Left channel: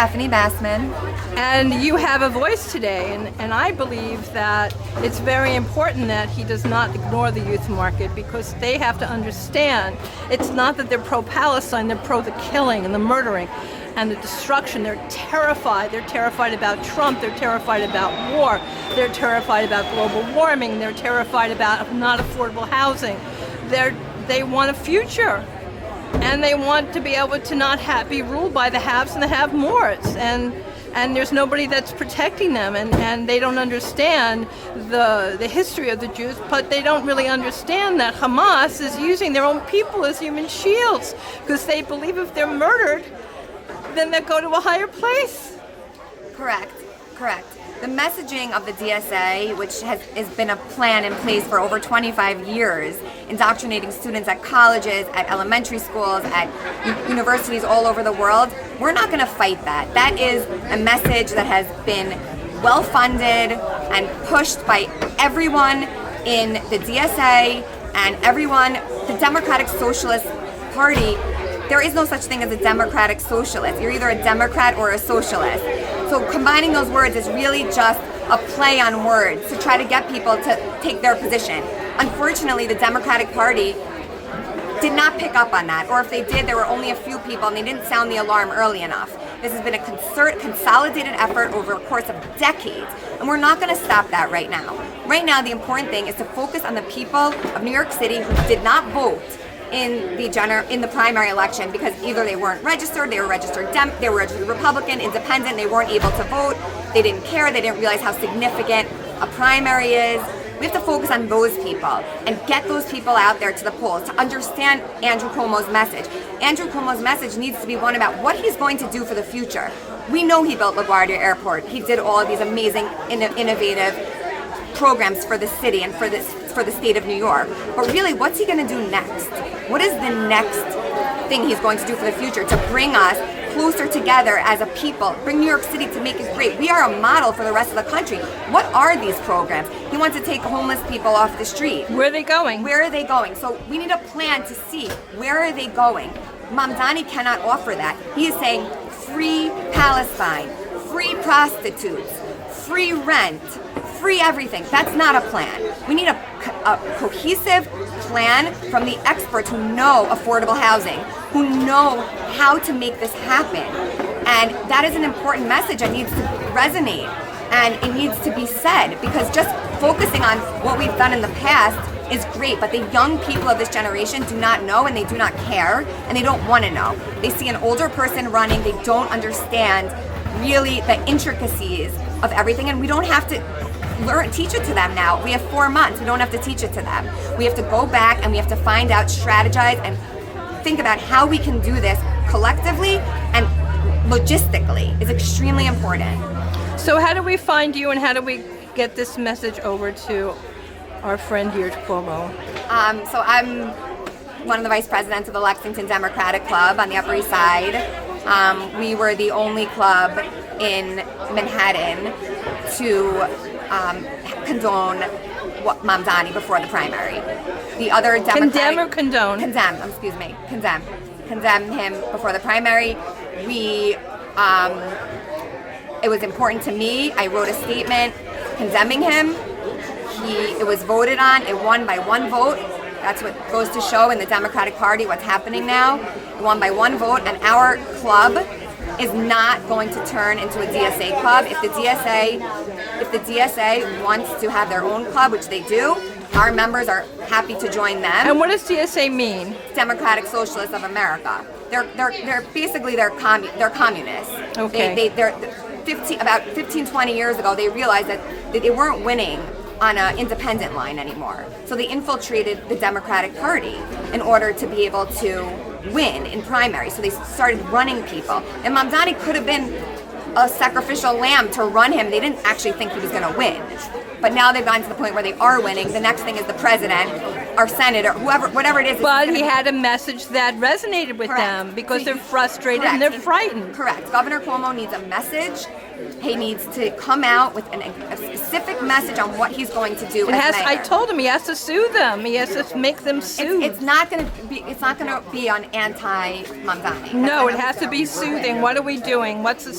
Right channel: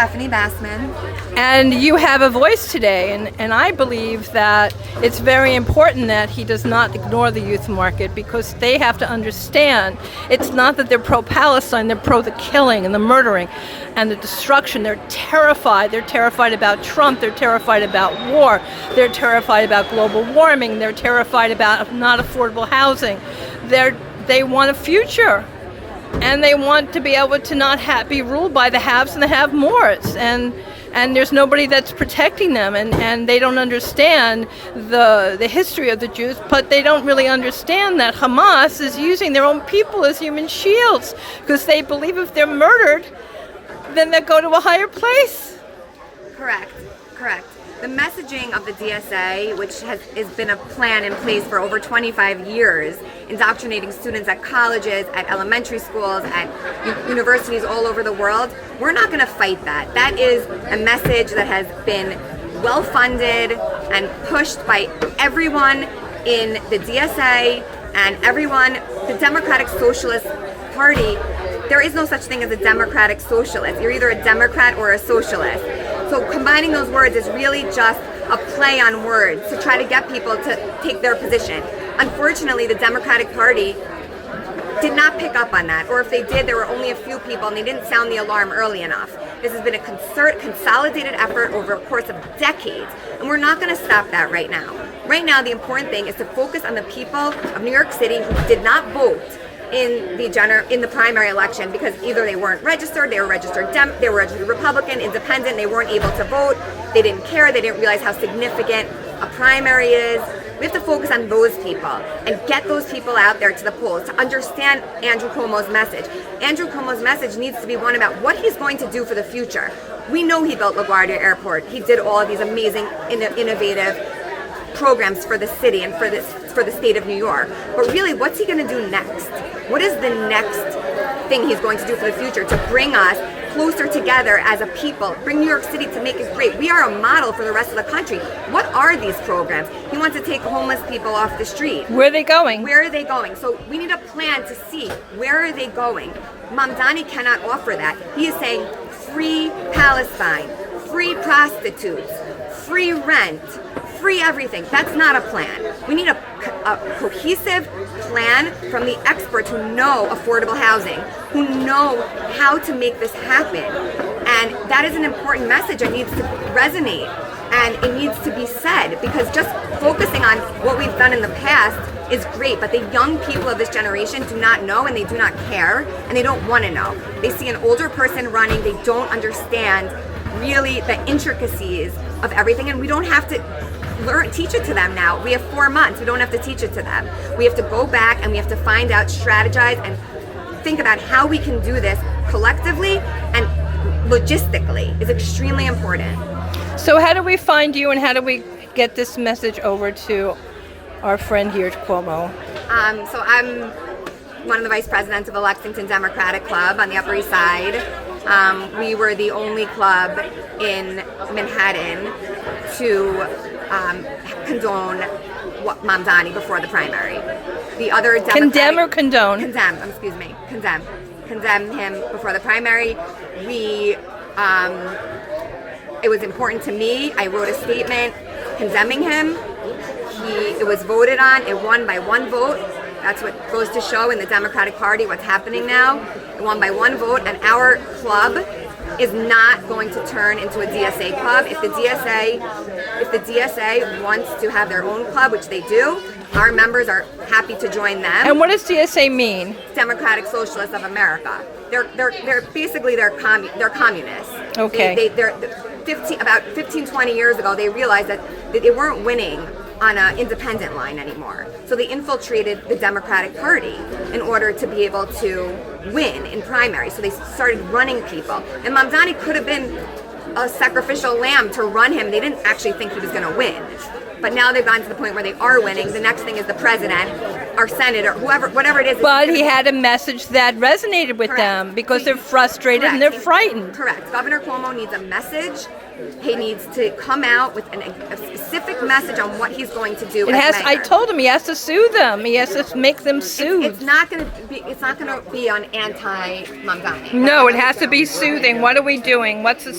Stephanie Basman. And you have a voice today, and I believe that it's very important that he does not ignore the youth market, because they have to understand it's not that they're pro-Palestine, they're pro the killing and the murdering and the destruction. They're terrified. They're terrified about Trump. They're terrified about war. They're terrified about global warming. They're terrified about not affordable housing. They want a future. And they want to be able to not be ruled by the haves and the have-mores. And there's nobody that's protecting them. And they don't understand the history of the Jews, but they don't really understand that Hamas is using their own people as human shields, because they believe if they're murdered, then they'll go to a higher place. Correct. The messaging of the DSA, which has been a plan in place for over 25 years, indoctrinating students at colleges, at elementary schools, at universities all over the world, we're not going to fight that. That is a message that has been well funded and pushed by everyone in the DSA and everyone, the Democratic Socialist Party. There is no such thing as a Democratic Socialist. You're either a Democrat or a socialist. So combining those words is really just a play on words to try to get people to take their position. Unfortunately, the Democratic Party did not pick up on that, or if they did, there were only a few people and they didn't sound the alarm early enough. This has been a consolidated effort over a course of decades, and we're not going to stop that right now. Right now, the important thing is to focus on the people of New York City who did not vote in the primary election, because either they weren't registered, they were registered Republican, Independent, they weren't able to vote, they didn't care, they didn't realize how significant a primary is. We have to focus on those people and get those people out there to the polls to understand Andrew Cuomo's message. Andrew Cuomo's message needs to be one about what he's going to do for the future. We know he built LaGuardia Airport. He did all of these amazing, innovative programs for the city and for the state of New York. But really, what's he going to do next? What is the next thing he's going to do for the future to bring us closer together as a people, bring New York City to make it great? We are a model for the rest of the country. What are these programs? He wants to take homeless people off the street. Where are they going? Where are they going? So we need a plan to see where are they going. Mamdani cannot offer that. He is saying free Palestine, free prostitutes, free rent, free everything. That's not a plan. We need a cohesive plan from the experts who know affordable housing, who know how to make this happen. And that is an important message that needs to resonate, and it needs to be said, because just focusing on what we've done in the past is great, but the young people of this generation do not know, and they do not care, and they don't want to know. They see an older person running, they don't understand really the intricacies of everything, and we don't have to teach it to them now. We have 4 months. We don't have to teach it to them. We have to go back and we have to find out, strategize, and think about how we can do this collectively and logistically is extremely important. So how do we find you, and how do we get this message over to our friend here at Cuomo? So I'm one of the vice presidents of the Lexington Democratic Club on the Upper East Side. We were the only club in Manhattan to condone Mamdani before the primary. The other Condemn or condone? Condemn him before the primary. It was important to me. I wrote a statement condemning him. It was voted on. It won by 1 vote. That's what goes to show in the Democratic Party what's happening now. It won by 1 vote, and our club is not going to turn into a DSA club. If the DSA wants to have their own club, which they do, our members are happy to join them. And what does DSA mean? Democratic Socialists of America. They're basically communists. Okay. They're about 15, 20 years ago, they realized that they weren't winning on an independent line anymore. So they infiltrated the Democratic Party in order to be able to win in primaries. So they started running people. And Mamdani could have been a sacrificial lamb to run him. They didn't actually think he was going to win. But now they've gotten to the point where they are winning. The next thing is the president, our senator, whatever it is. But he had a message that resonated with them, because they're frustrated and they're frightened. Correct. Governor Cuomo needs a message. He needs to come out with a specific message on what he's going to do. I told him he has to soothe them. He has to make them soothe. It's not going to be on anti-Mamdani. No, it has to be soothing. What are we doing? What's the